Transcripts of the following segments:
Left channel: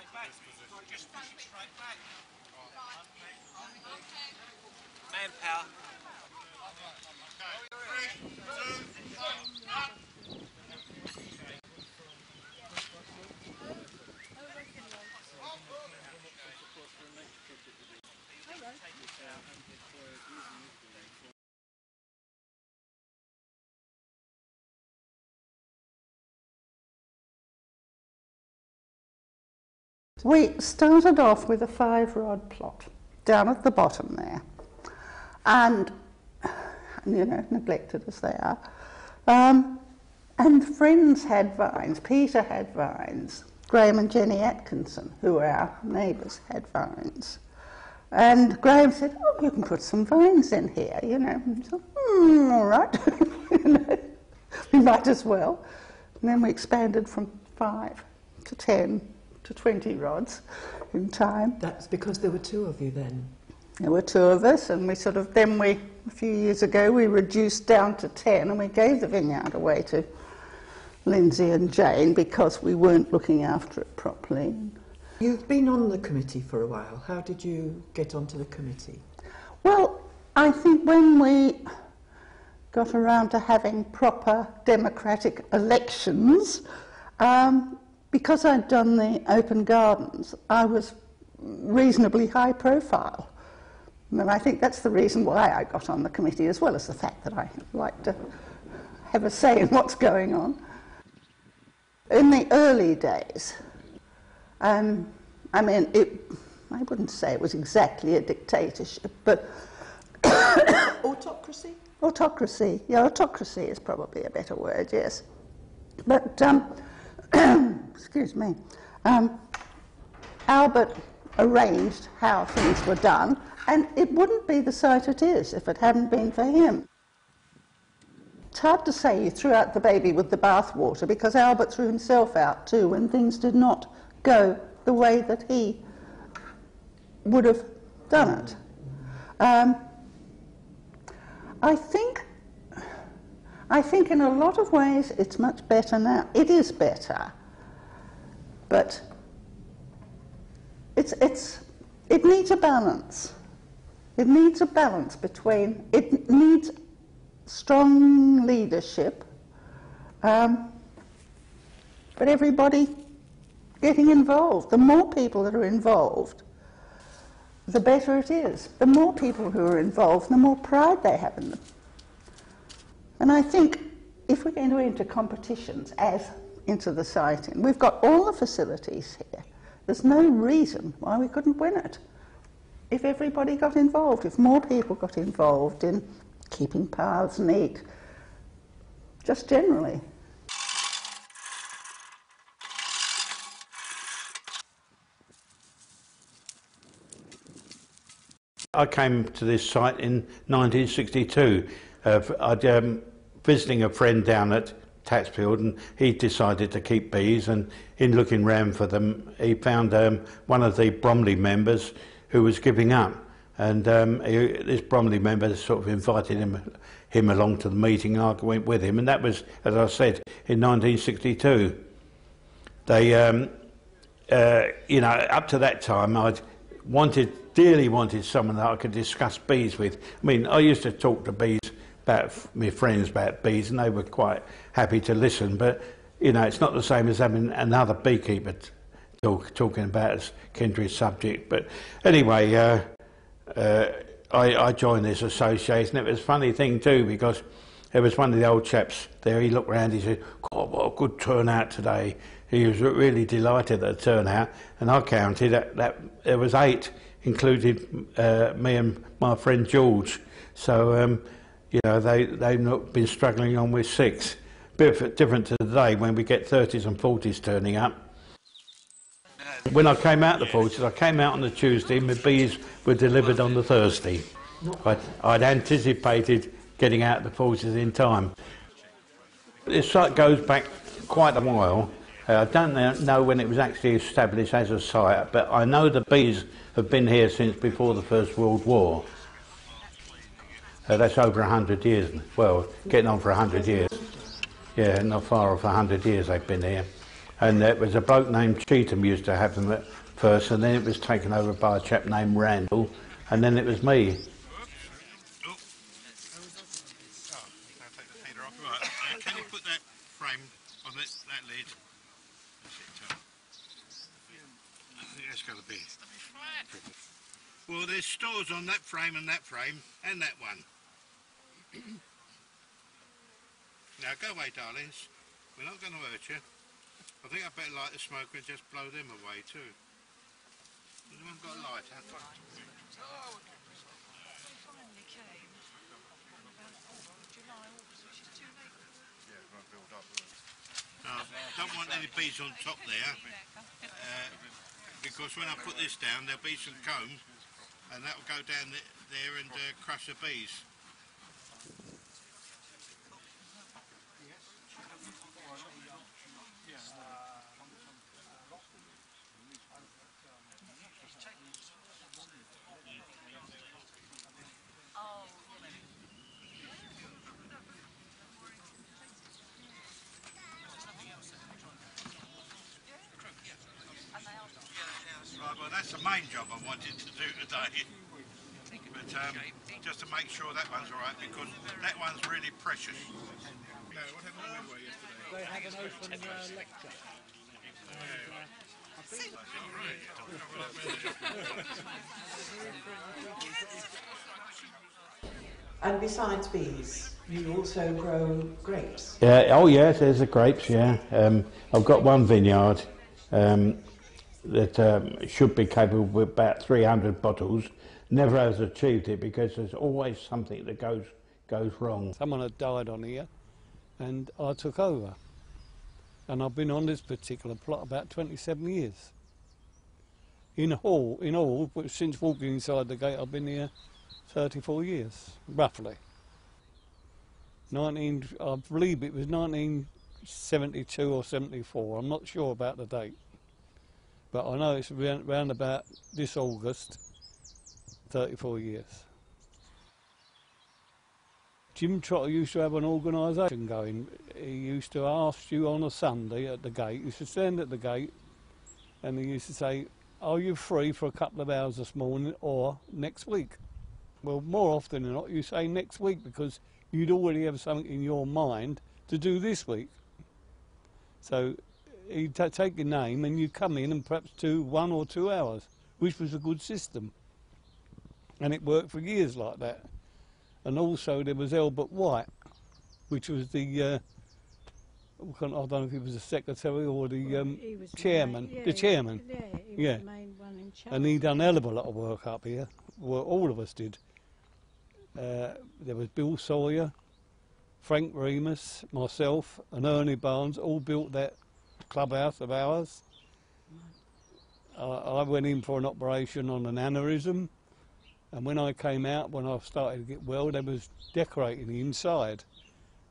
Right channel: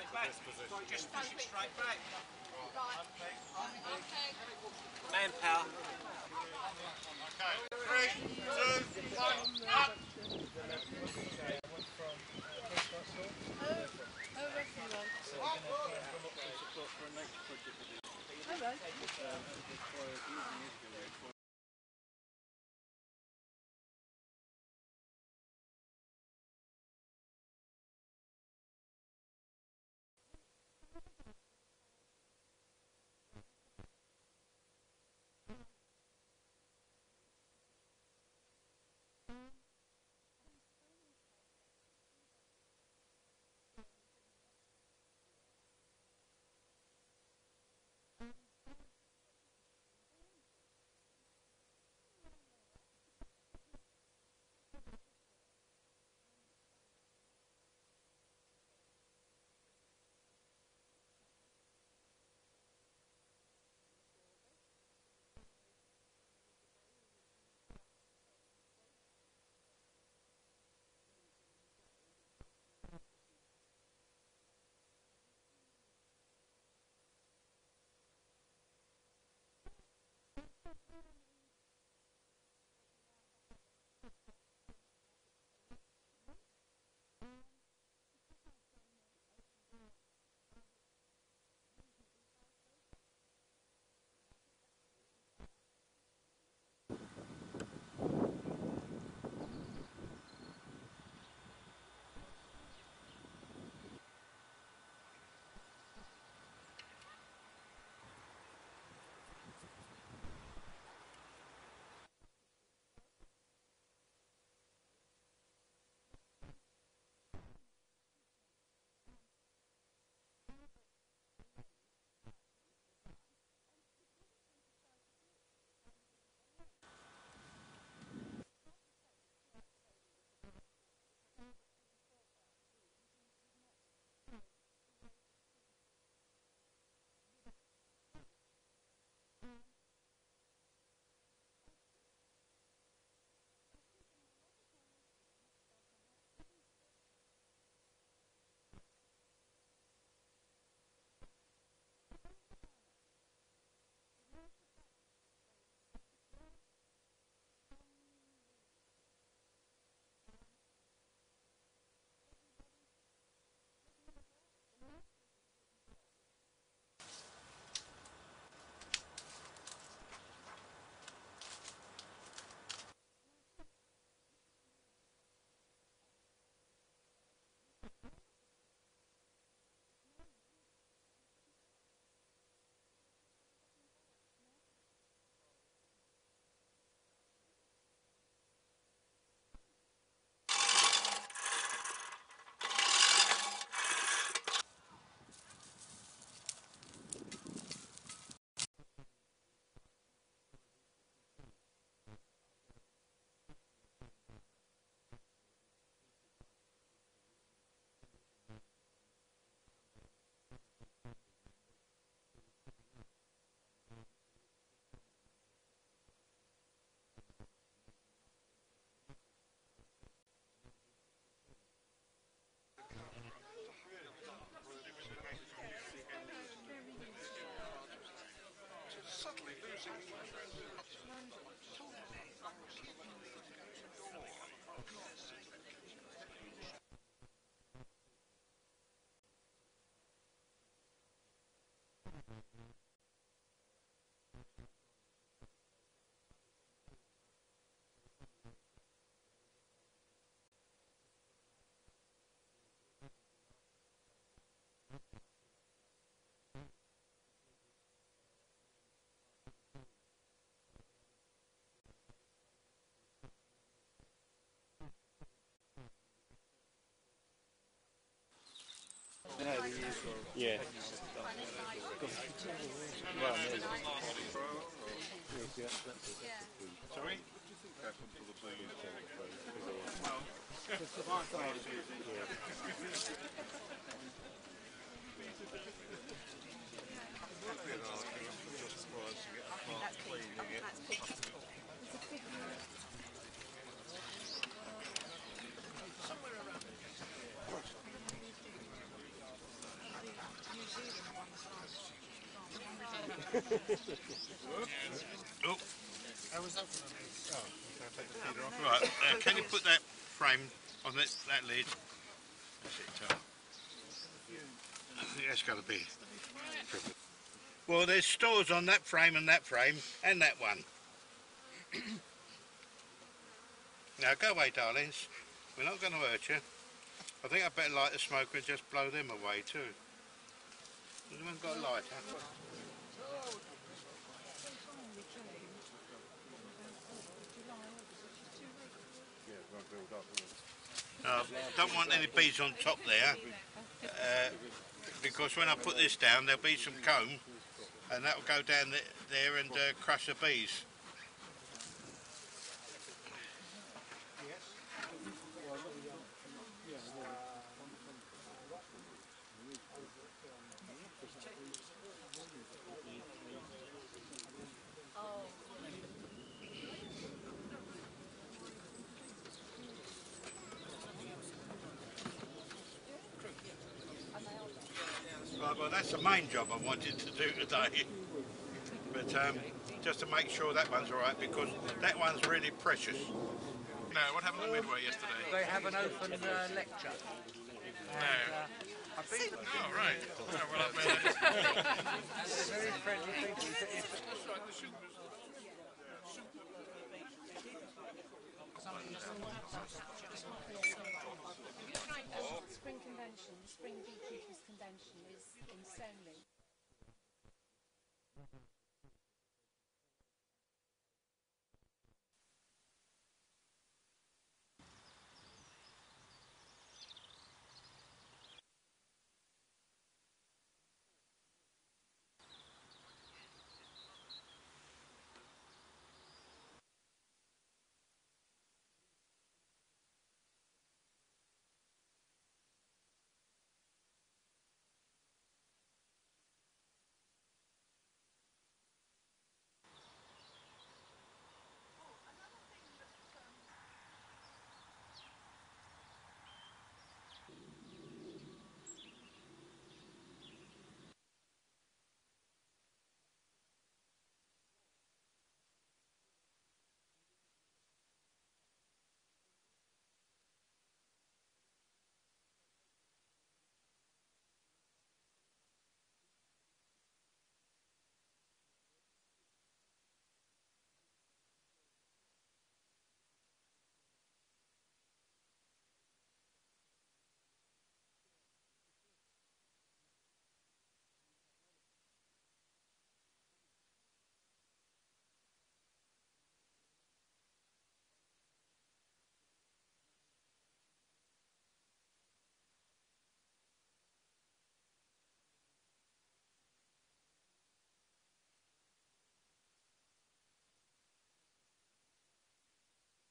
straight back. Just push it straight back. Manpower. Okay, 3, 2, 1, up! We started off with a 5-rod plot down at the bottom there, and you know, neglected as they are. And friends had vines. Peter had vines. Graham and Jenny Atkinson, who were our neighbours, had vines. And Graham said, "Oh, you can put some vines in here, you know." And so, all right, you know, we might as well. And then we expanded from 5 to 10 to 20 rods in time. That's because there were 2 of you then? There were 2 of us, and we sort of, then a few years ago, we reduced down to 10, and we gave the vineyard away to Lindsay and Jane because we weren't looking after it properly. You've been on the committee for a while. How did you get onto the committee? Well, I think when we got around to having proper democratic elections, because I'd done the open gardens, I was reasonably high profile. And I think that's the reason why I got on the committee, as well as the fact that I like to have a say in what's going on. In the early days, I mean, I wouldn't say it was exactly a dictatorship, but Autocracy? Autocracy, yeah, autocracy is probably a better word, yes. But, excuse me, Albert arranged how things were done, and it wouldn't be the sight it is if it hadn't been for him. It's hard to say you threw out the baby with the bathwater, because Albert threw himself out too when things did not go the way that he would have done it. I think in a lot of ways it's much better now. It is better, but it needs a balance. It needs a balance between, it needs strong leadership, but everybody getting involved. The more people that are involved, the better it is. The more people who are involved, the more pride they have in them. And I think if we're going to enter competitions as into the siting, we've got all the facilities here. There's no reason why we couldn't win it. If everybody got involved, if more people got involved in keeping paths neat, just generally. I came to this site in 1962. I'd visiting a friend down at Tatsfield, and he decided to keep bees, and in looking round for them he found one of the Bromley members who was giving up, and this Bromley member sort of invited him along to the meeting. I went with him, and that was, as I said, in 1962. They, you know, up to that time I'd dearly wanted someone that I could discuss bees with. I mean, I used to talk to bees about my friends about bees, and they were quite happy to listen, but you know, it's not the same as having another beekeeper talking about a kindred subject. But anyway, I joined this association. It was a funny thing too, because there was one of the old chaps there. He looked round, he said, "God, what a good turnout today." He was really delighted at the turnout, and I counted that there was 8, including me and my friend George. So you know, they've not been struggling on with 6. Bit different to today when we get 30s and 40s turning up. When I came out the 40s, I came out on the Tuesday, my bees were delivered on the Thursday. I'd anticipated getting out the 40s in time. This site goes back quite a while. I don't know when it was actually established as a site, but I know the bees have been here since before the First World War. That's over 100 years. Well, getting on for 100 years. Yeah, not far off 100 years they've been here. And there was a bloke named Cheetham used to have them at first, and then it was taken over by a chap named Randall, and then it was me. Oh. How was that? Oh, I'll take the feeder off. Right, can you put that frame on that lid? That's it, I think that's got to be. Well, there's stores on that frame, and that one. Now, go away, darlings. We're not going to hurt you. I think I'd better light the smoker and just blow them away, too. Anyone got a lighter? Don't want any bees on top there, because when I put this down, there'll be some comb, and that'll go down there and crush the bees. Right, well, that's the main job I wanted to do today. But just to make sure that one's all right, because that one's really precious. No, what happened at Midway yesterday? They have an open lecture. I think. Oh, right. Oh, well, I better. Very friendly people. And besides bees, you also grow grapes. Yeah. Oh, yes. There's the grapes. Yeah. I've got one vineyard that should be capable with about 300 bottles. Never has achieved it because there's always something that goes wrong. Someone had died on here, and I took over. And I've been on this particular plot about 27 years. In all, since walking inside the gate, I've been here 34 years, roughly. I believe it was 1972 or 74. I'm not sure about the date, but I know it's around about this August, 34 years. Jim Trotter used to have an organisation going. He used to ask you on a Sunday at the gate. He used to stand at the gate and he used to say, "Are you free for a couple of hours this morning or next week?" Well, more often than not, you say next week because you'd already have something in your mind to do this week. So he'd take your name and you'd come in and perhaps do 1 or 2 hours, which was a good system. And it worked for years like that. And also there was Albert White, which was the, I don't know if he was the secretary or the chairman. The chairman. Yeah, he was the main one in charge. And he done a hell of a lot of work up here. Well, all of us did. There was Bill Sawyer, Frank Remus, myself and Ernie Barnes all built that clubhouse of ours. I went in for an operation on an aneurysm, and when I came out, when I started to get well, they was decorating the inside.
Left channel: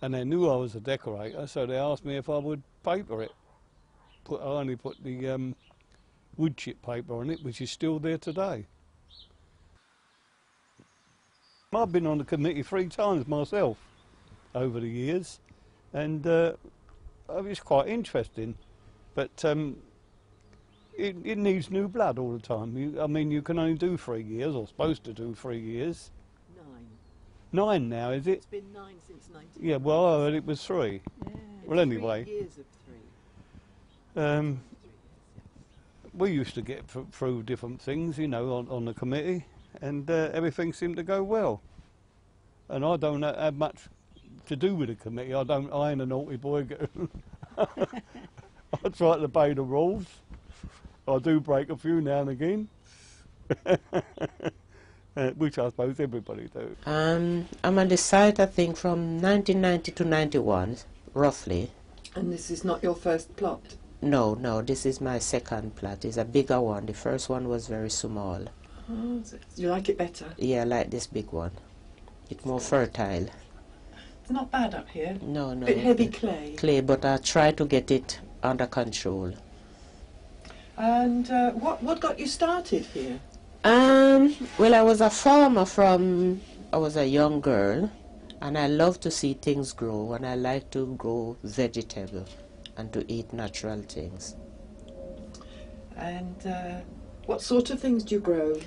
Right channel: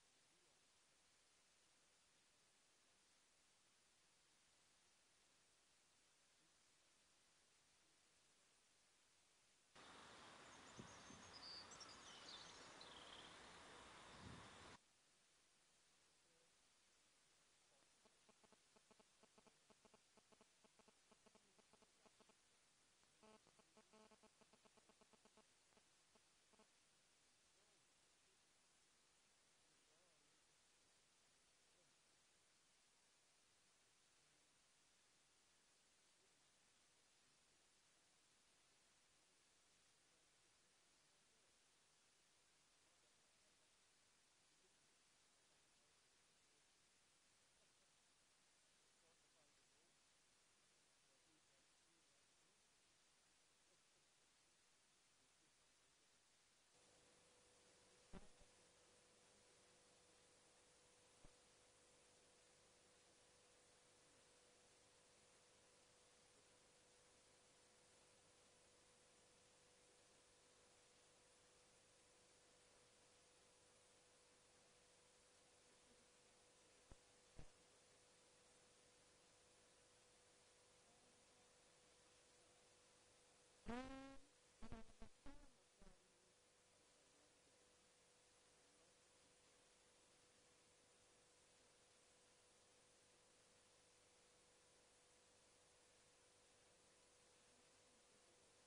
And they knew I was a decorator, so they asked me if I would paper it. I only put the wood chip paper on it, which is still there today. I've been on the committee 3 times myself over the years, and it's quite interesting, but it needs new blood all the time. I mean, you can only do 3 years, or supposed to do 3 years. 9. 9 now, is it? It's been 9 since 19. Yeah, well, I heard it was 3. Yeah. Well, anyway. 3 years of 3. We used to get through different things, you know, on the committee, and everything seemed to go well. And I don't have much to do with the committee. I ain't a naughty boy. I try to obey the rules. I do break a few now and again, which I suppose everybody do. I'm on the site, I think, from 1990 to 91, roughly. And this is not your first plot? No, this is my second plot. It's a bigger one. The first one was very small. Oh, you like it better? Yeah, I like this big one. It's more fertile. It's not bad up here. No. Bit heavy clay. Clay, but I try to get it under control. And what got you started here? Well, I was a farmer I was a young girl, and I love to see things grow, and I like to grow vegetable. and to eat natural things. And what sort of things do you grow?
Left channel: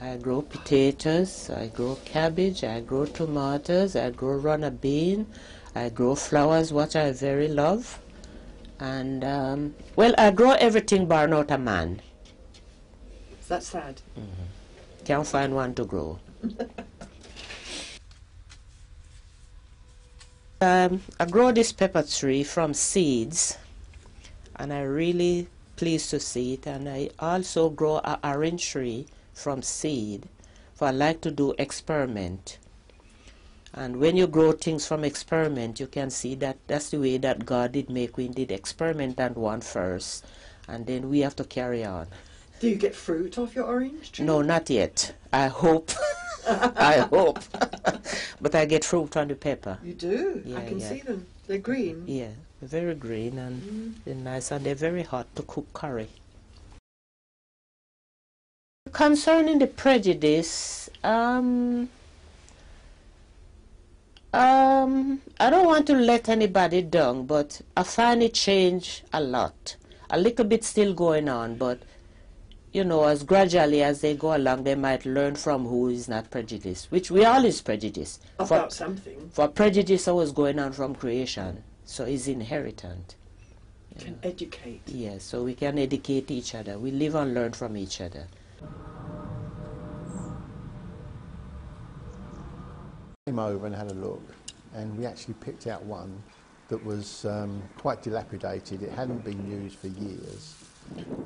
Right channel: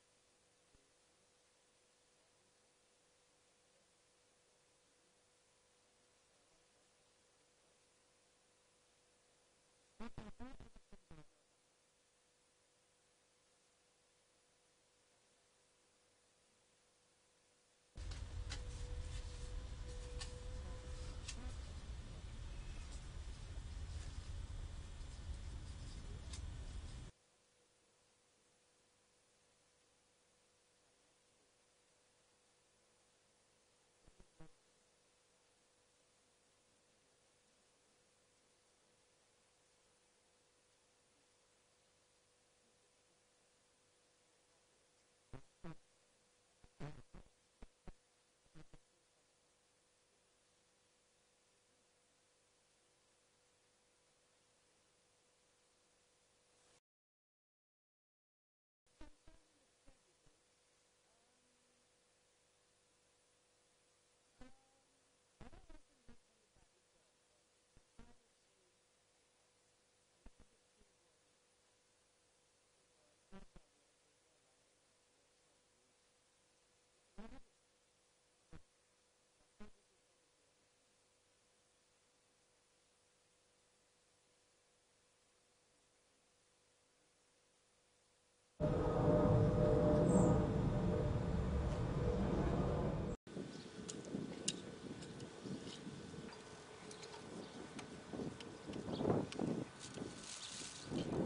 I grow potatoes, I grow cabbage, I grow tomatoes, I grow runner bean, I grow flowers, what I very love. And, well, I grow everything bar not a man. That's sad. Can't find one to grow. I grow this pepper tree from seeds, and I'm really pleased to see it. And I also grow an orange tree from seed, for I like to do experiment. And when you grow things from experiment, you can see that that's the way that God did make. We did experiment on one first, and then we have to carry on. Do you get fruit off your orange tree? No, not yet. I hope. I hope. But I get fruit on the pepper. You do? Yeah, I can yeah. see them. They're green. Yeah, they're very green and they're nice, and they're very hot to cook curry. Concerning the prejudice, I don't want to let anybody down, but I find it change a lot. A little bit still going on, but you know, as gradually as they go along, they might learn from who is not prejudiced, which we all is prejudiced. About something. For prejudice always going on from creation, so it's inheritant. Can educate. Yeah, so we can educate each other. We live and learn from each other. Came over and had a look, and we actually picked out one that was quite dilapidated. It hadn't been used for years,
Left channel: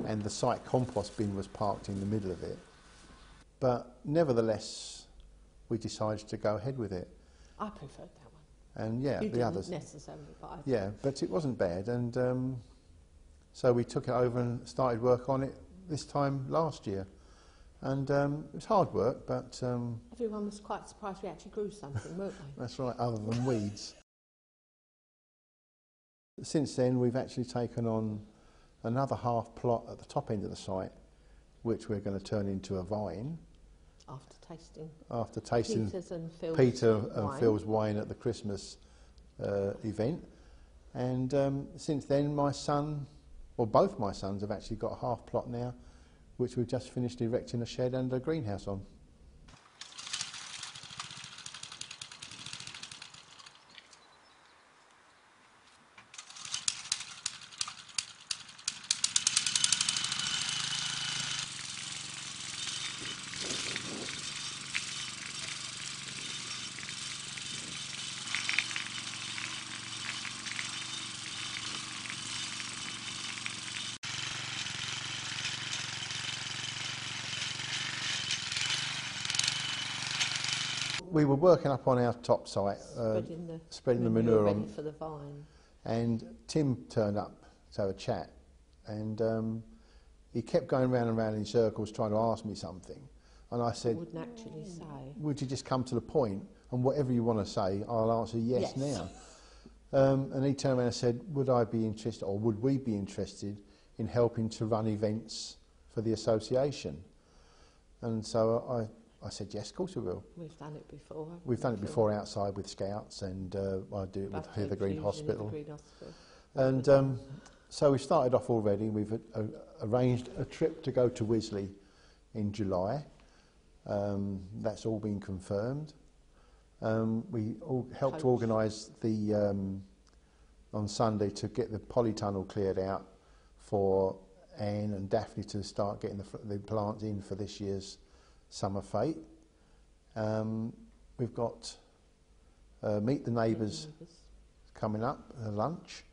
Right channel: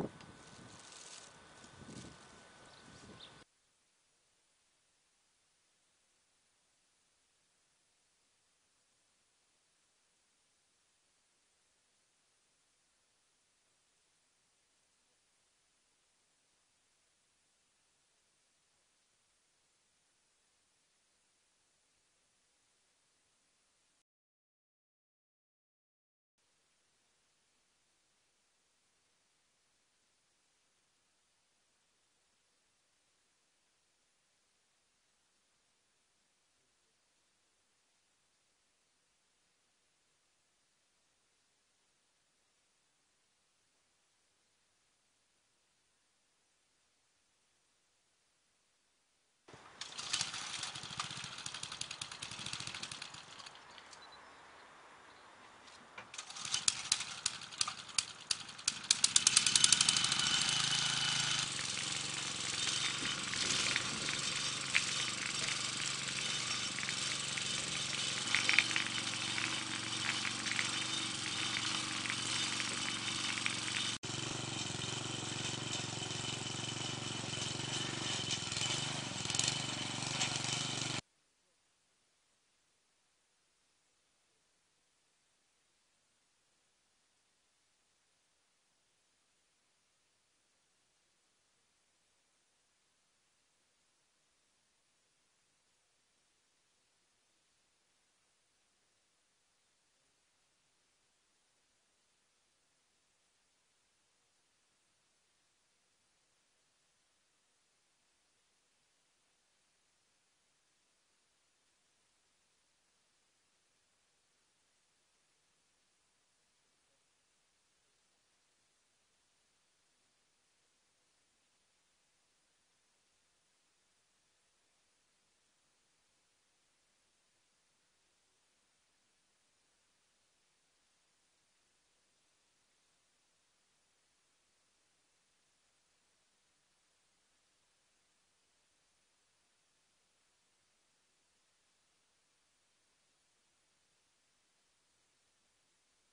and the site compost bin was parked in the middle of it. But nevertheless, we decided to go ahead with it. I preferred that one. And yeah, You the didn't others. necessarily, but I Yeah, but it wasn't bad, and so we took it over and started work on it this time last year. And it was hard work, but everyone was quite surprised we actually grew something, weren't they? that's right, other than weeds. Since then, we've actually taken on another half plot at the top end of the site, which we're going to turn into a vine. After tasting Peter and Phil's wine at the Christmas event. And since then, my son, or both my sons, have actually got a half plot now, which we've just finished erecting a shed and a greenhouse on. We were working up on our top site, spreading the manure on, for the vine. and Tim turned up to have a chat, and he kept going round and round in circles trying to ask me something, and I said, Wouldn't actually say. would you just come to the point, and whatever you want to say, I'll answer yes. Now. And he turned around and said, would I be interested, or would we be interested in helping to run events for the association? And so I said, yes, of course we will. We've done it before. We've done it before outside with Scouts, and I do it with Heather Green Hospital. And so we started off already. We've arranged a trip to go to Wisley in July. That's all been confirmed. We all helped to organise the on Sunday to get the polytunnel cleared out for Anne and Daphne to start getting the plants in for this year's summer fete. We've got Meet the Neighbours coming up, lunch,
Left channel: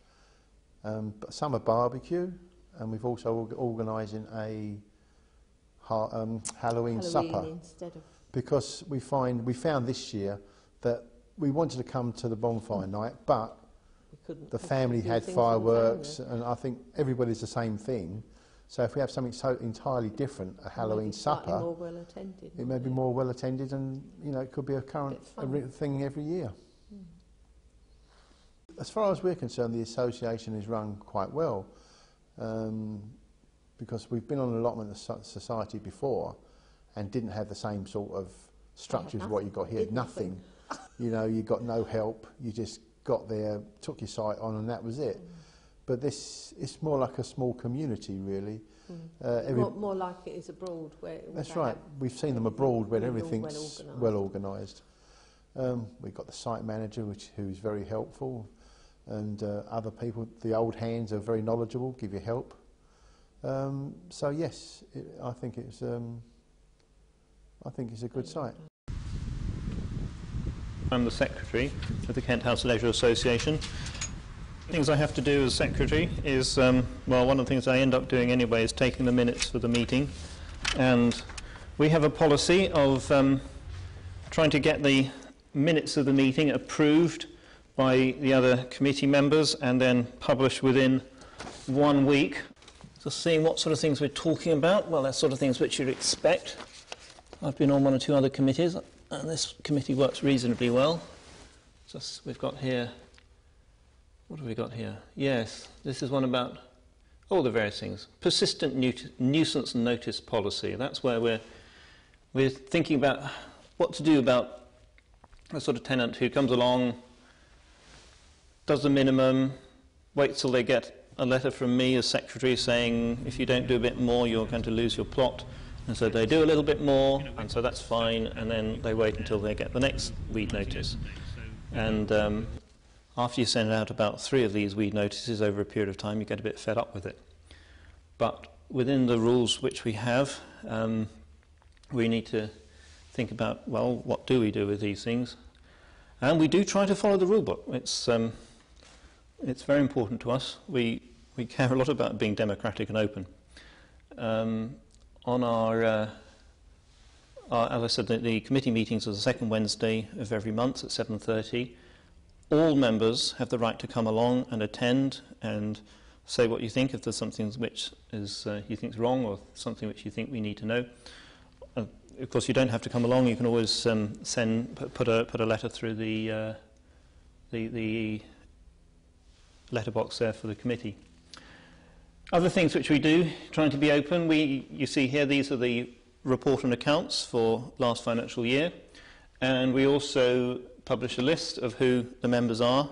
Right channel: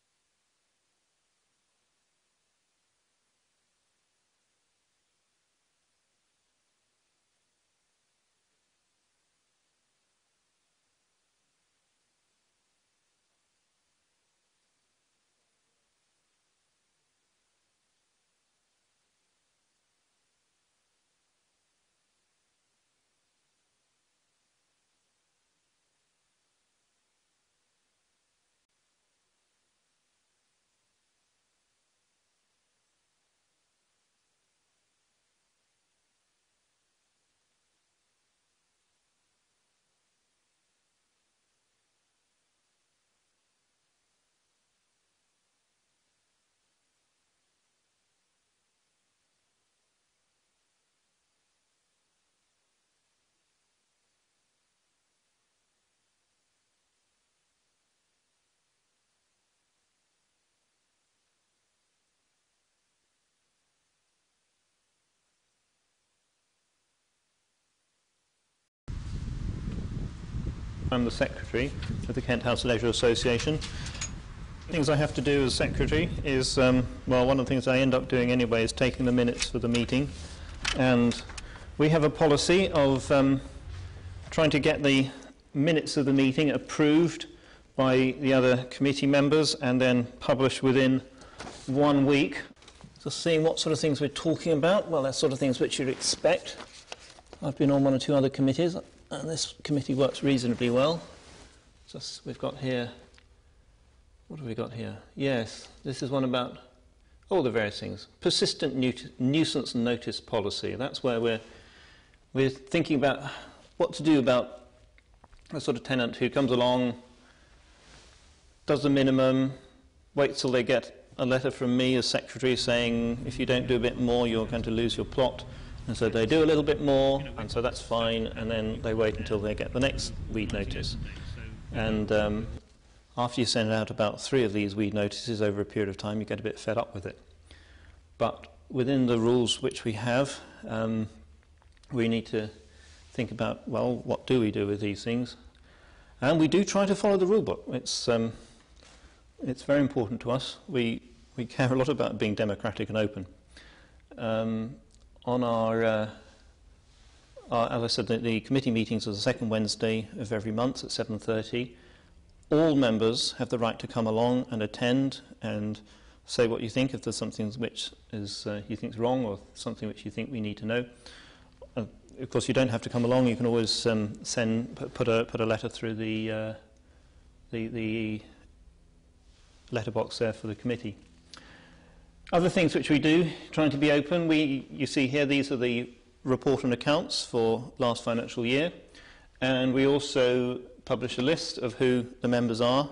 summer barbecue, and we've also organising a Halloween supper, because we found this year that we wanted to come to the bonfire night, but the family had fireworks, and I think everybody's the same thing. So if we have something so entirely different, a Halloween supper, it may be more well attended, and it could be a current thing every year. As far as we're concerned, the association is run quite well, because we've been on an allotment of society before and didn't have the same sort of structure as what you've got here. Nothing. You got no help. You just got there, took your site on, and that was it. but this it's more like a small community, really. More like it is abroad. That's right. We've seen them abroad where everything's well organised. We've got the site manager, who's very helpful, and other people. The old hands are very knowledgeable, give you help. So yes, I think it's a good site. I'm the secretary of the Kent House Leisure Association. Things I have to do as secretary is, well, one of the things I end up doing anyway is taking the minutes for the meeting, and we have a policy of trying to get the minutes of the meeting approved by the other committee members and then published within 1 week. So seeing what sort of things we're talking about, well, that's sort of things which you'd expect. I've been on 1 or 2 other committees, and this committee works reasonably well. Just we've got here. What have we got here? Yes, this is one about all the various things. Persistent nuisance notice policy. That's where we're thinking about what to do about a sort of tenant who comes along, does the minimum, waits till they get a letter from me as secretary saying if you don't do a bit more you're going to lose your plot. And so they do a little bit more, and so that's fine, and then they wait until they get the next weed notice. And after you send out about 3 of these weed notices over a period of time, you get a bit fed up with it. But within the rules which we have, we need to think about, well, what do we do with these things? And we do try to follow the rule book. It's very important to us. We care a lot about being democratic and open. On our as I said, the committee meetings are the second Wednesday of every month at 7:30. All members have the right to come along and attend and say what you think if there's something which is you think is wrong or something which you think we need to know. Of course, you don't have to come along. You can always put a letter through the letterbox there for the committee. Other things which we do, trying to be open, you see here, these are the report and accounts for last financial year, and we also publish a list of who the members are,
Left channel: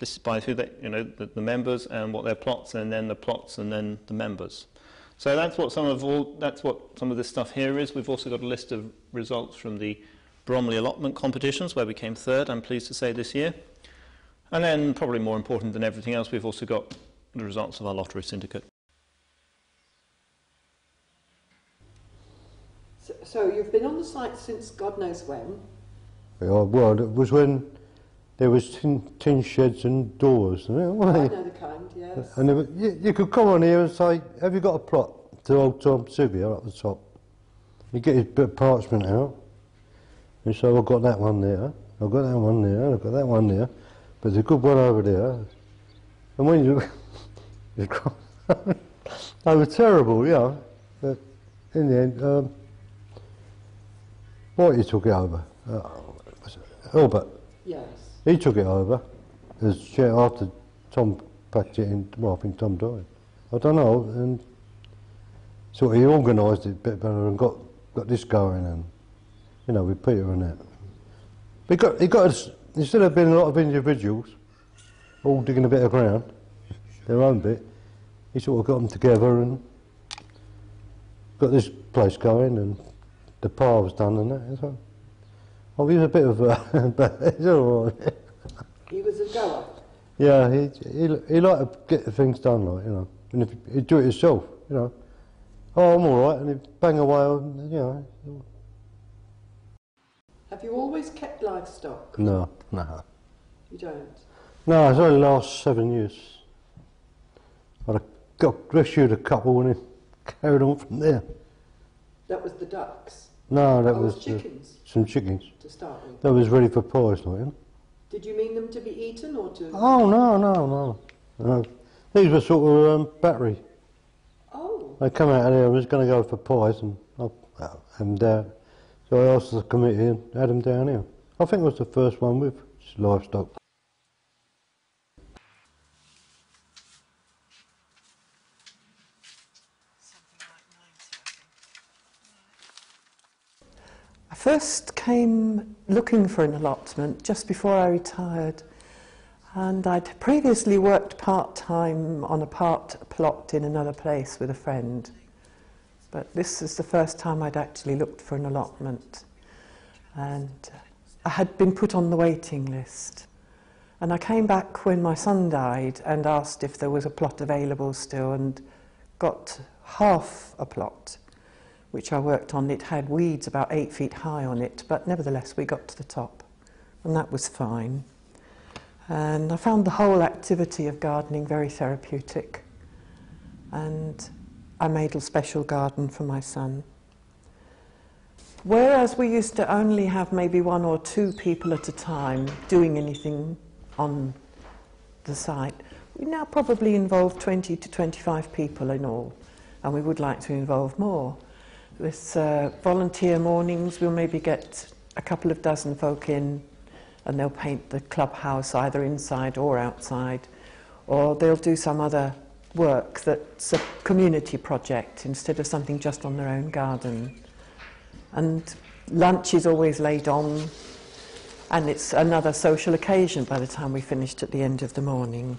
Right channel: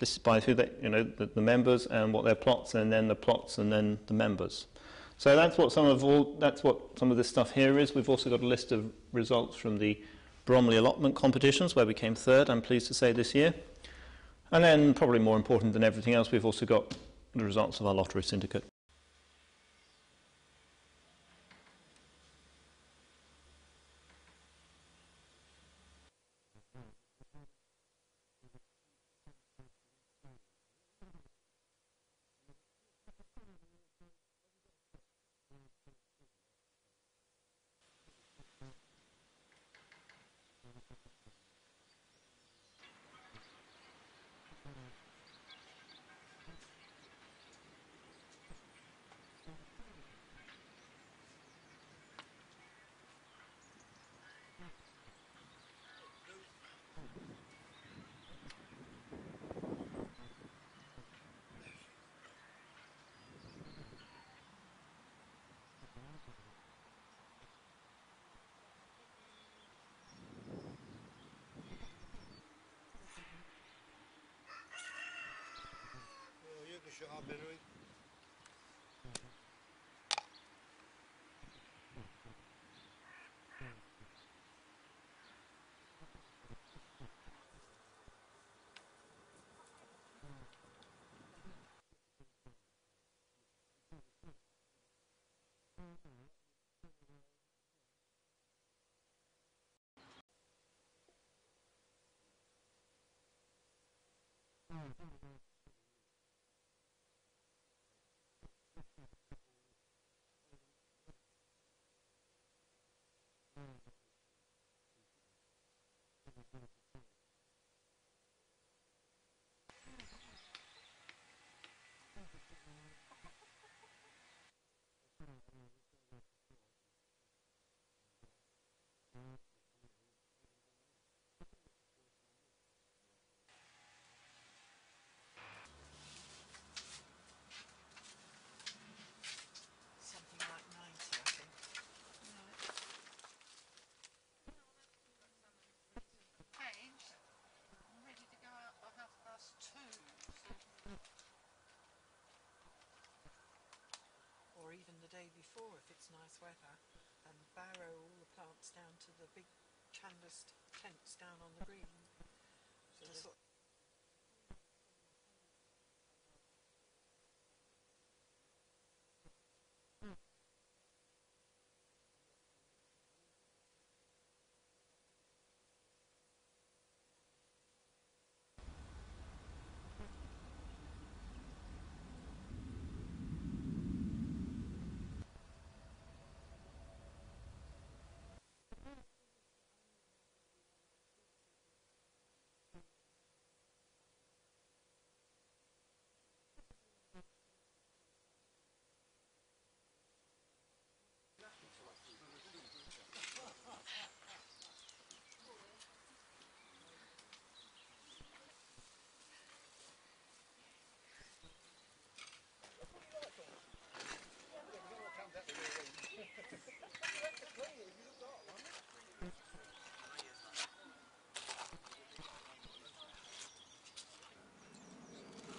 listed by who they, the members and what their plots, and then the plots, and then the members. So that's what some of this stuff here is. We've also got a list of results from the Bromley allotment competitions, where we came 3rd, I'm pleased to say, this year. And then, probably more important than everything else, we've also got the results of our lottery syndicate. So you've been on the site since God knows when? Yeah, well, it was when there was tin sheds and doors. I know the kind, yes. And there was, you could come on here and say, have you got a plot to old Tom Sylvia up the top? You get his bit of parchment out. And so I've got that one there, I've got that one there, I've got that one there, but there's a good one over there. And when you... they were terrible, yeah. But in the end... Whitey took it over. Albert. Yes. He took it over as chair after Tom packed it in. Well, I think Tom died. I don't know. And so he organised it a bit better and got this going, and with Peter and that. He got us, instead of being a lot of individuals all digging a bit of ground, their own bit, he sort of got them together and got this place going, and the par was done and that as well. Oh, he was a bit of a... but it's all right. He was a goer? Yeah, he liked to get the things done, and if he'd do it himself, oh, I'm all right, and he'd bang away, Have you always kept livestock? No. You don't? No, it's only the last 7 years. I got rescued a couple and then carried on from there. That was the ducks? No, that was chickens? Some chickens. To start with? That was ready for pies, Did you mean them to be eaten or to... Oh, no. These were sort of battery. Oh. They come out of there and was going to go for pies, and so I asked the committee and had them down here. I think it was the first one with livestock. I first came looking for an allotment just before I retired. And I'd previously worked part-time on a plot in another place with a friend. But this is the first time I'd actually looked for an allotment. And I had been put on the waiting list. And I came back when my son died and asked if there was a plot available still, and got half a plot, which I worked on. It had weeds about 8 feet high on it, but nevertheless we got to the top, and that was fine. And I found the whole activity of gardening very therapeutic, and I made a special garden for my son. Whereas we used to only have maybe 1 or 2 people at a time doing anything on the site, we now probably involve 20 to 25 people in all, and we would like to involve more. With volunteer mornings, we'll maybe get a couple of dozen folk in, and they'll paint the clubhouse either inside or outside, or they'll do some other work that's a community project instead of something just on their own garden. And lunch is always laid on, and it's another social occasion by the time we finished at the end of the morning.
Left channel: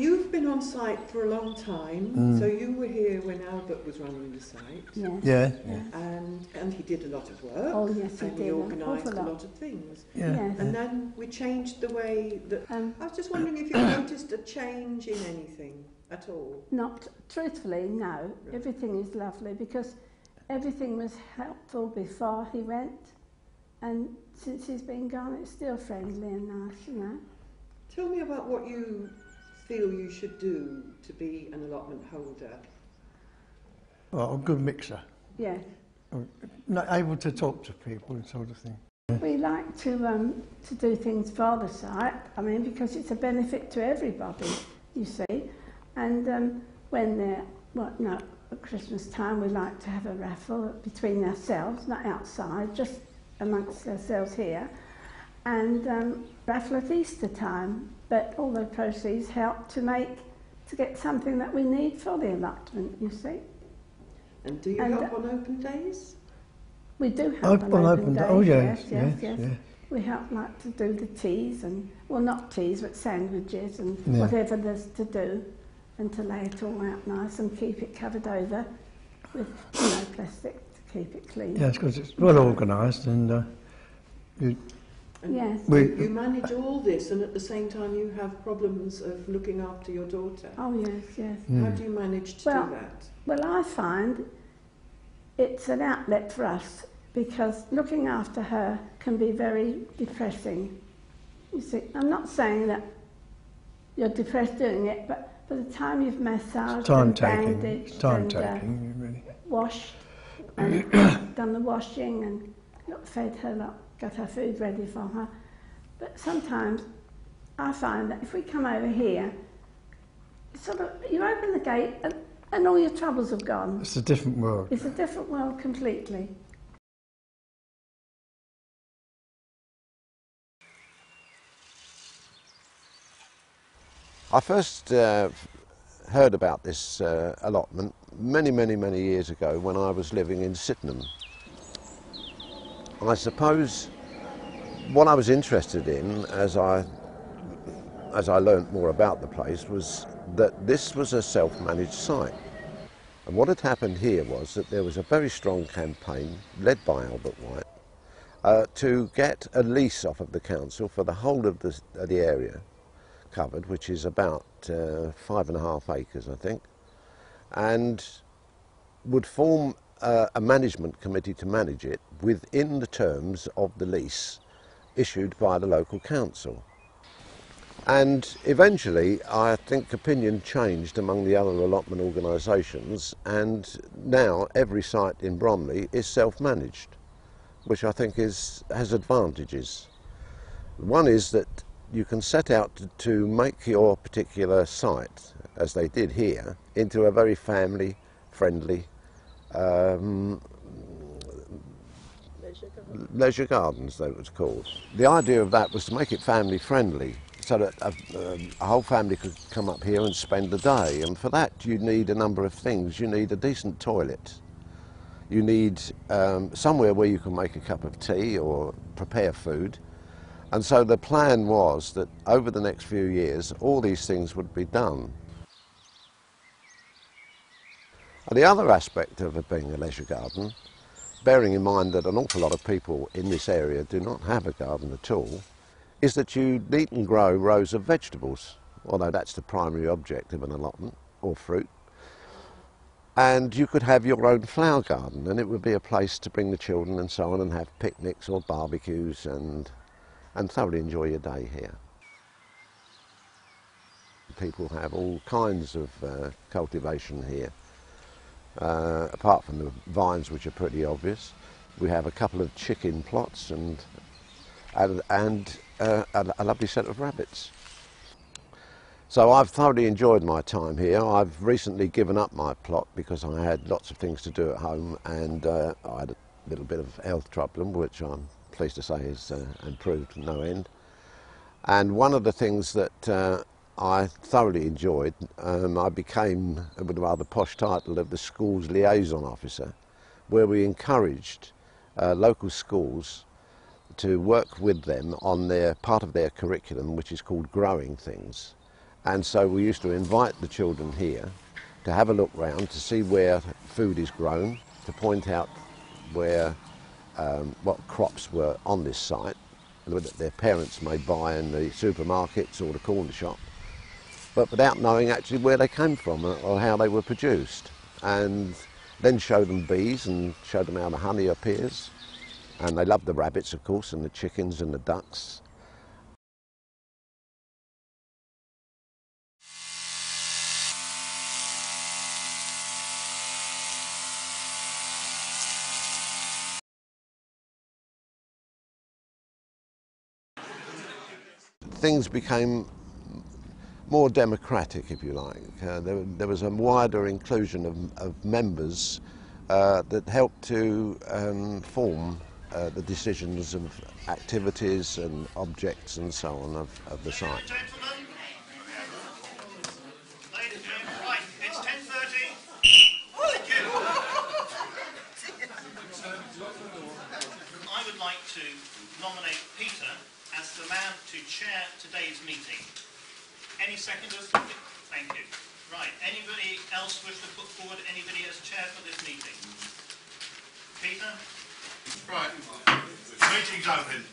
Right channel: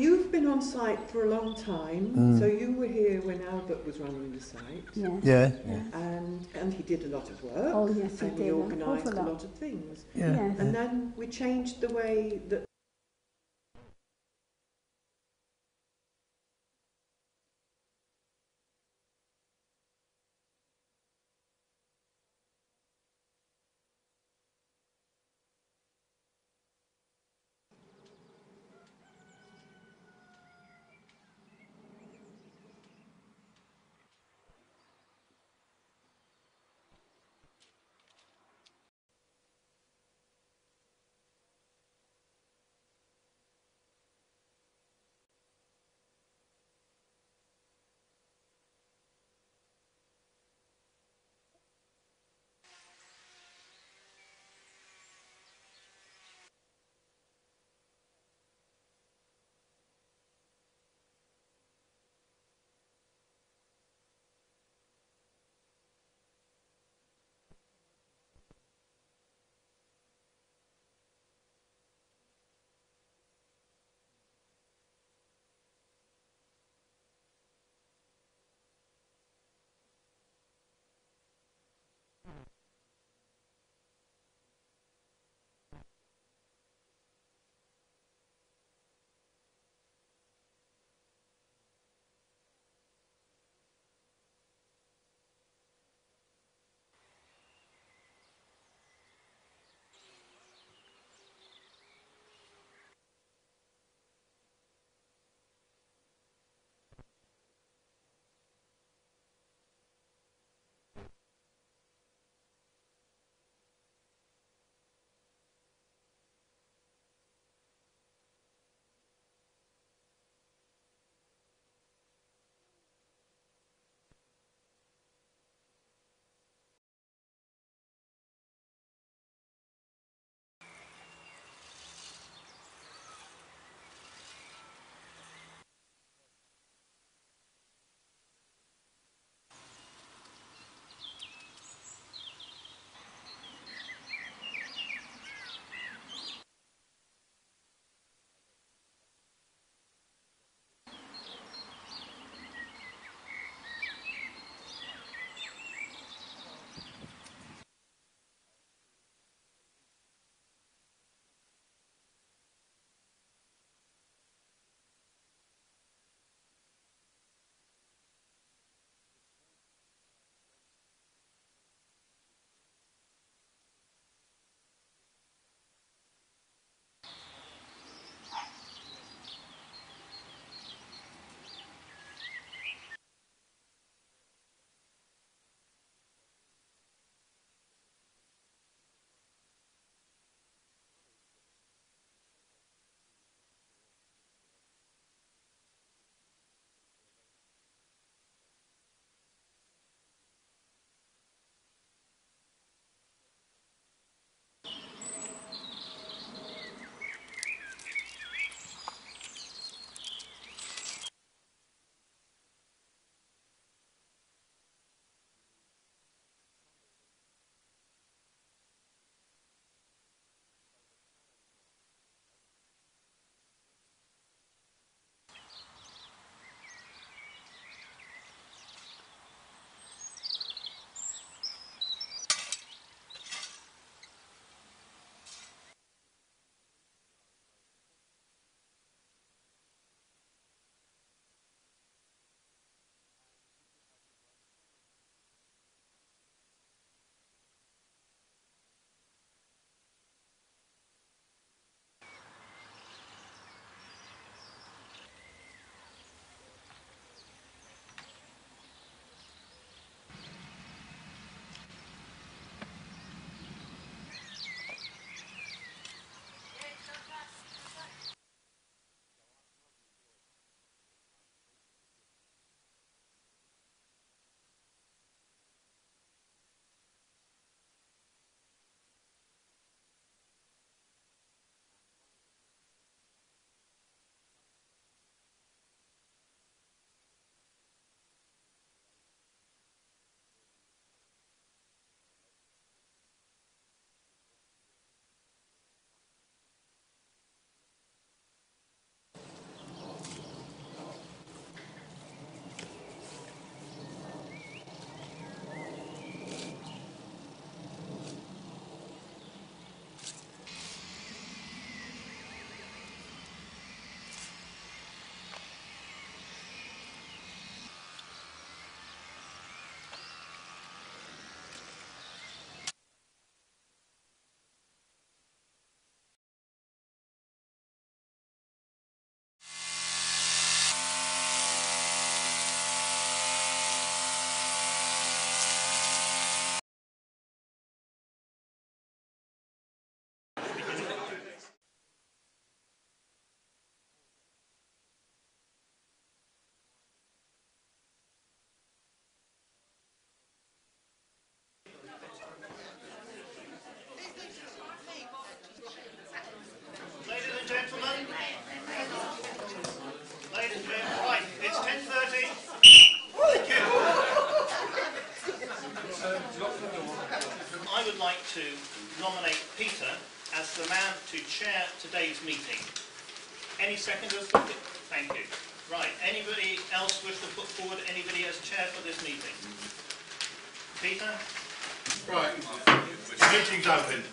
You've been on site for a long time, so you were here when Albert was running the site. Yeah. And he did a lot of work. Oh yes, and he organised a lot of things. Yeah. Yes. And then we changed the way that... I was just wondering if you noticed a change in anything at all. Not truthfully, no. Everything is lovely because everything was helpful before he went, and since he's been gone, it's still friendly and nice, you know. Tell me about what you feel you should do to be an allotment holder. Well, a good mixer. Yeah. Not able to talk to people and sort of thing. We like to do things for the site, I mean, because it's a benefit to everybody, you see. And when they're, at Christmas time, we like to have a raffle between ourselves, not outside, just amongst ourselves here. And raffle at Easter time, but all the proceeds help to get something that we need for the allotment, you see. And do you help on open days? We do help on open days. Oh yes. We help like to do the teas and, well, not teas, but sandwiches and Yeah. whatever there's to do, and to lay it all out nice and keep it covered over with, plastic to keep it clean. Yes, because it's well organised and Yes. You manage all this, and at the same time you have problems of looking after your daughter. Oh yes, yes. How do you manage to do that? Well, I find it's an outlet for us because looking after her can be very depressing. You see, I'm not saying that you're depressed doing it, but by the time you've massaged and bandaged and really. washed and done the washing and fed her, got her food ready for her. But sometimes I find that if we come over here, you open the gate and all your troubles have gone. It's a different world. It's a different world completely. I first heard about this allotment many years ago when I was living in Sydenham. I suppose what I was interested in as I learnt more about the place was that this was a self-managed site. And what had happened here was that there was a very strong campaign led by Albert White to get a lease off of the council for the whole of the area covered, which is about 5.5 acres, I think, and would form a management committee to manage it within the terms of the lease issued by the local council. And eventually, I think opinion changed among the other allotment organisations, and now every site in Bromley is self-managed, which I think has advantages. One is that you can set out to make your particular site, as they did here, into a very family-friendly leisure gardens, they was called. The idea of that was to make it family friendly, so that a whole family could come up here and spend the day. And for that you need a number of things. You need a decent toilet. You need somewhere where you can make a cup of tea or prepare food. And so the plan was that over the next few years all these things would be done. And the other aspect of it being a leisure garden, bearing in mind that an awful lot of people in this area do not have a garden at all, is that you need and grow rows of vegetables, although that's the primary object of an allotment, or fruit. And you could have your own flower garden, and it would be a place to bring the children and so on and have picnics or barbecues and thoroughly enjoy your day here. People have all kinds of cultivation here. Apart from the vines, which are pretty obvious, we have a couple of chicken plots and a lovely set of rabbits. So I've thoroughly enjoyed my time here. I've recently given up my plot because I had lots of things to do at home, and I had a little bit of health problem, which I'm pleased to say has improved to no end. And one of the things that I thoroughly enjoyed, I became, with a rather posh title, of the school's liaison officer, where we encouraged local schools to work with them on their part of their curriculum, which is called growing things. And so we used to invite the children here to have a look round to see where food is grown, to point out where what crops were on this site that their parents may buy in the supermarkets or the corner shop, but without knowing actually where they came from or how they were produced. And then show them bees and show them how the honey appears. And they love the rabbits, of course, and the chickens and the ducks. Things became more democratic, if you like. There was a wider inclusion of members that helped to form the decisions of activities and objects and so on of the site. Ladies and gentlemen, right, it's 10:30. Thank you. I would like to nominate Peter as the man to chair today's meeting. Any seconders? Thank you. Right, anybody else wish to put forward anybody as chair for this meeting? Peter? Right, the meeting's open.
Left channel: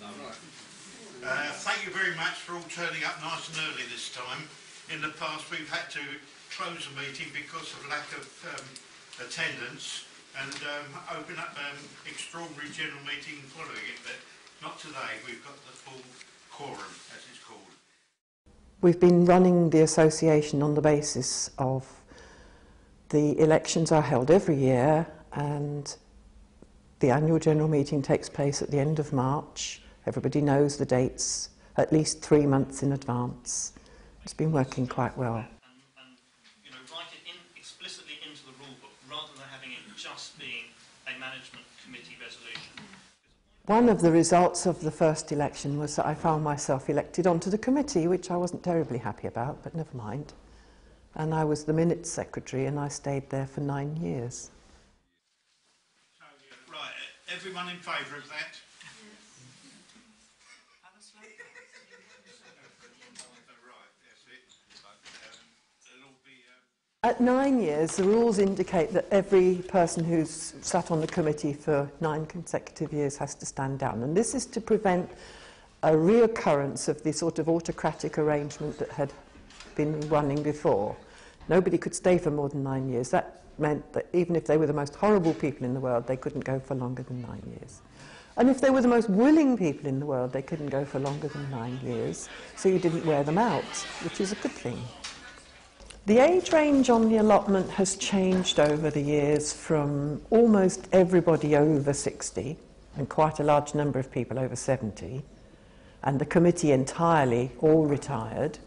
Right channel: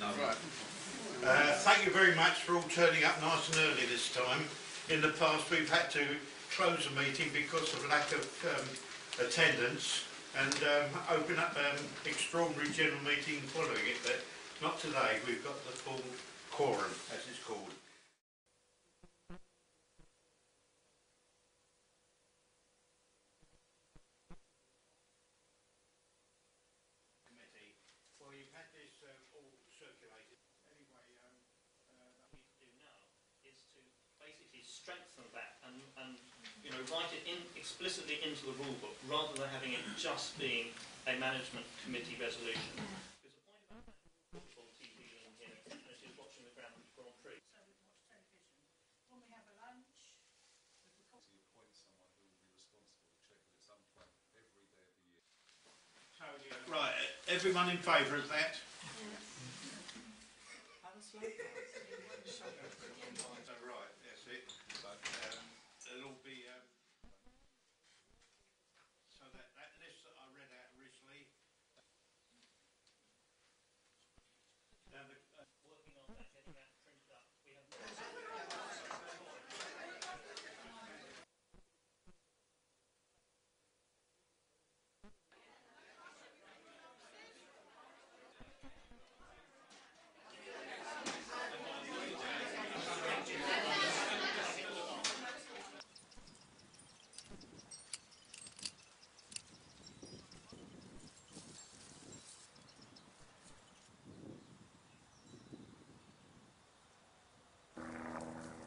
Thank you very much for all turning up nice and early this time. In the past we've had to close the meeting because of lack of attendance and open up extraordinary general meeting following it, but not today. We've got the full quorum, as it's called. We've been running the association on the basis of the elections are held every year, and the annual general meeting takes place at the end of March. Everybody knows the dates at least 3 months in advance. It's been working quite well. And you know, write it in explicitly into the rule book rather than having it just being a management committee resolution. One of the results of the first election was that I found myself elected onto the committee, which I wasn't terribly happy about, but never mind. And I was the minutes secretary, and I stayed there for 9 years. Right, everyone in favour of that? At 9 years, the rules indicate that every person who's sat on the committee for 9 consecutive years has to stand down. And this is to prevent a reoccurrence of the sort of autocratic arrangement that had been running before. Nobody could stay for more than 9 years. That meant that even if they were the most horrible people in the world, they couldn't go for longer than 9 years. And if they were the most willing people in the world, they couldn't go for longer than 9 years. So you didn't wear them out, which is a good thing. The age range on the allotment has changed over the years from almost everybody over 60 and quite a large number of people over 70, and the committee entirely all retired,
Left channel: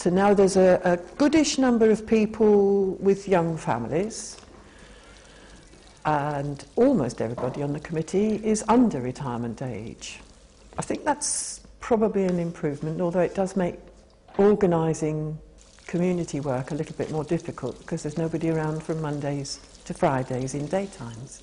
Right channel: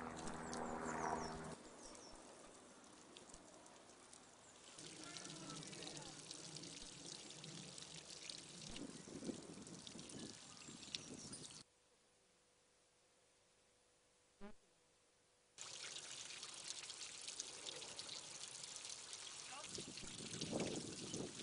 to now there's a goodish number of people with young families, and almost everybody on the committee is under retirement age. I think that's probably an improvement, although it does make organising community work a little bit more difficult because there's nobody around from Mondays to Fridays in daytimes.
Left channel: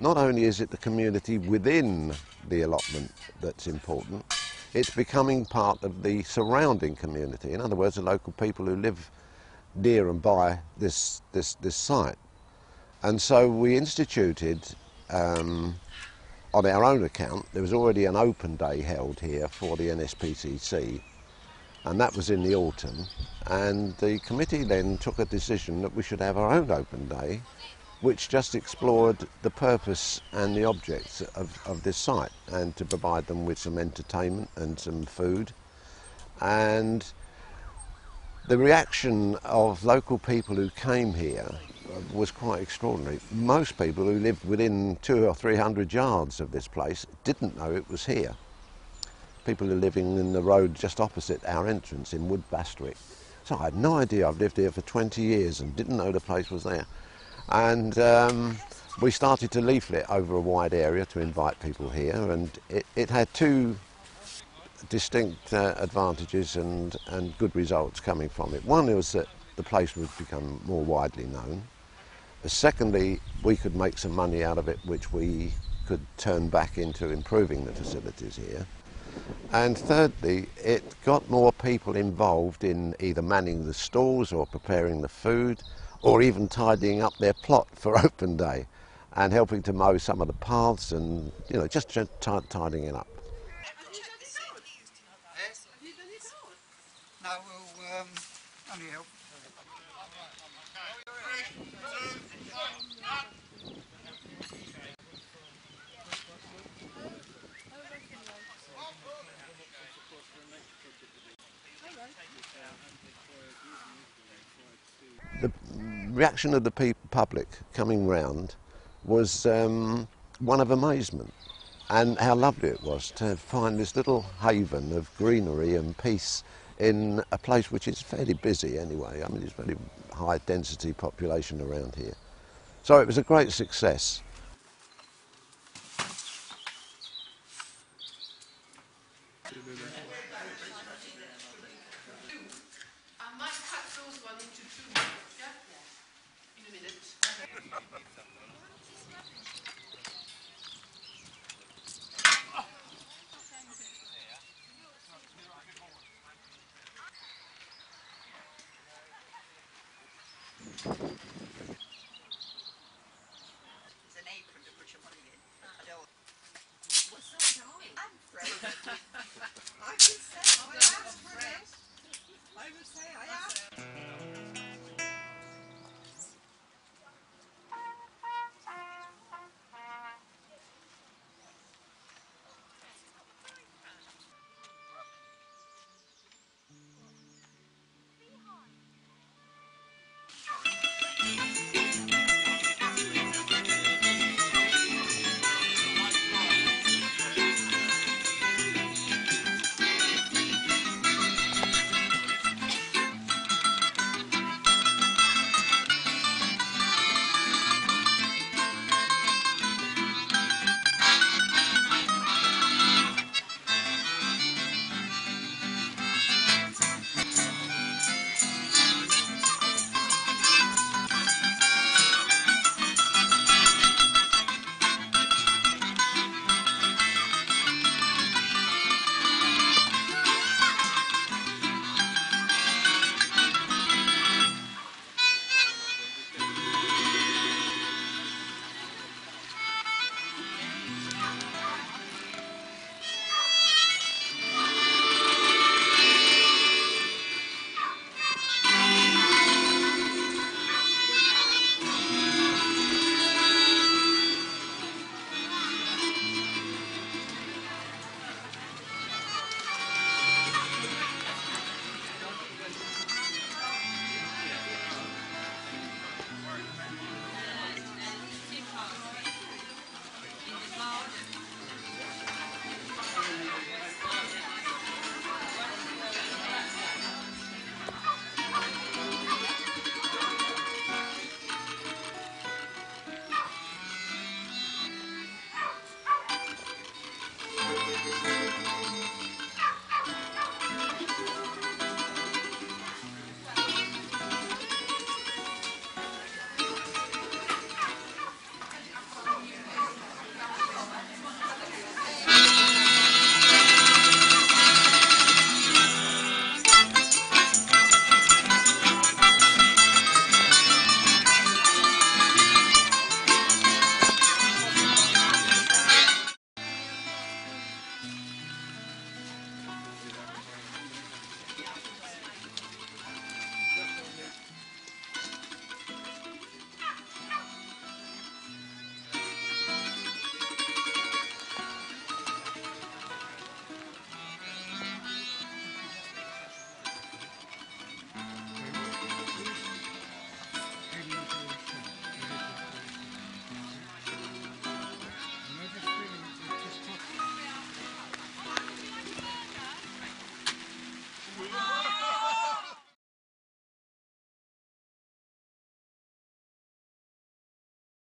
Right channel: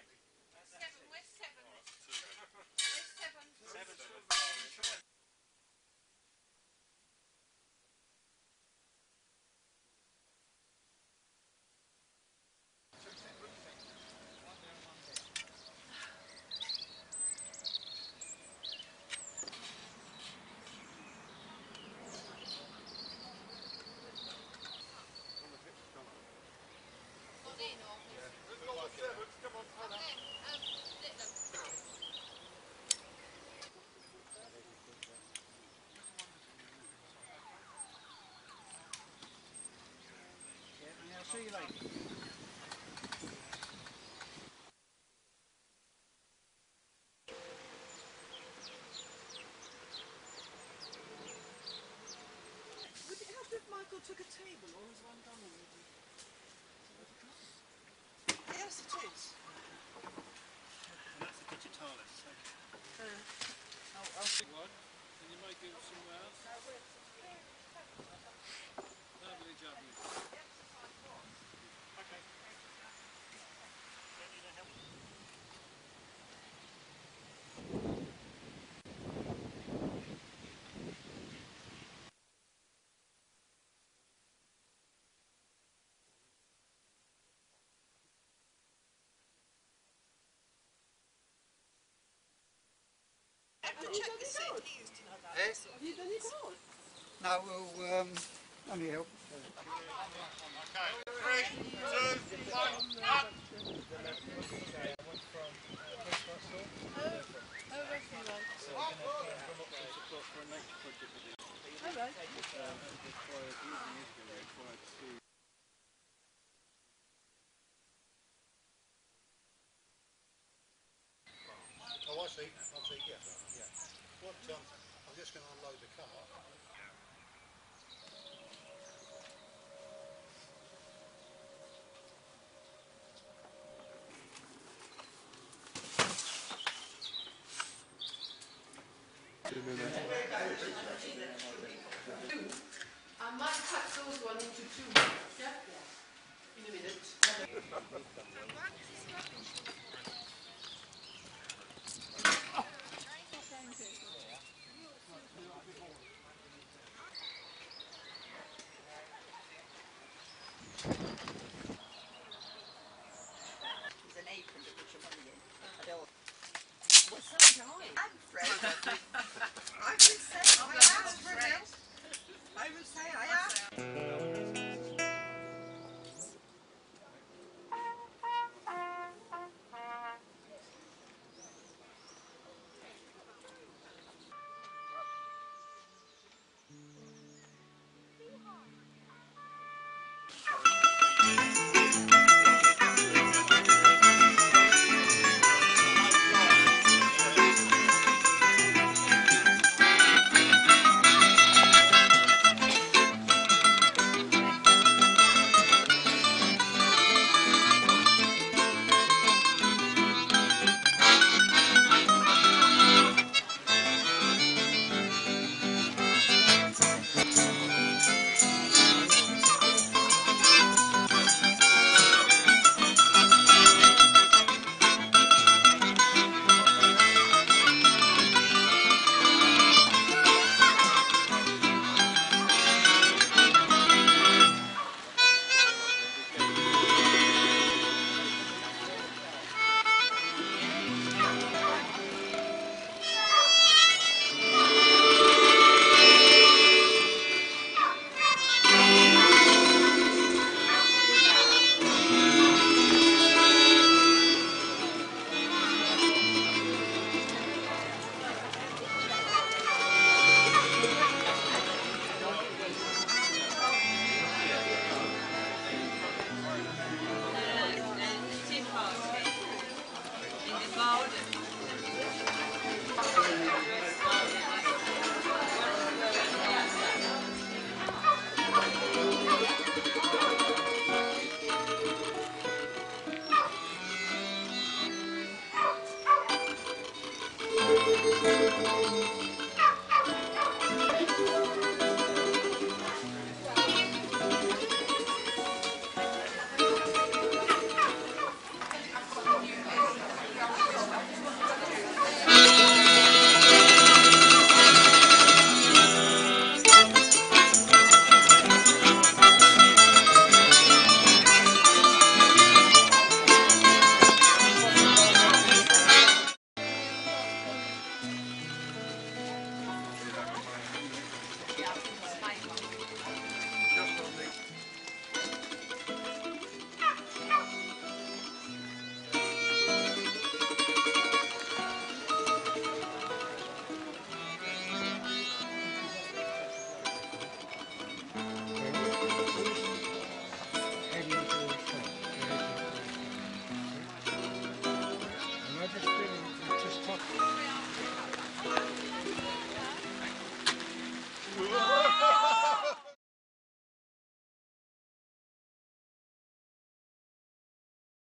Not only is it the community within the allotment that's important, it's becoming part of the surrounding community. In other words, the local people who live near and by this site. And so we instituted, on our own account, there was already an open day held here for the NSPCC, and that was in the autumn. And the committee then took a decision that we should have our own open day, which just explored the purpose and the objects of this site, and to provide them with some entertainment and some food. And the reaction of local people who came here was quite extraordinary. Most people who lived within 200 or 300 yards of this place didn't know it was here. People who are living in the road just opposite our entrance in Wood Bastwick. So I had no idea. I've lived here for 20 years and didn't know the place was there. And we started to leaflet over a wide area to invite people here, and it had two distinct advantages and good results coming from it. One was that the place would become more widely known. Secondly, we could make some money out of it, which we could turn back into improving the facilities here. And thirdly, it got more people involved in either manning the stalls or preparing the food, or even tidying up their plot for open day and helping to mow some of the paths and, you know, just tidying it up. No, we'll only help. Okay. 3, 2, 1, up! The reaction of the public coming round was one of amazement, and how lovely it was to find this little haven of greenery and peace in a place which is fairly busy anyway. I mean, there's very high density population around here. So it was a great success. I might cut those one into two, yeah? In a minute.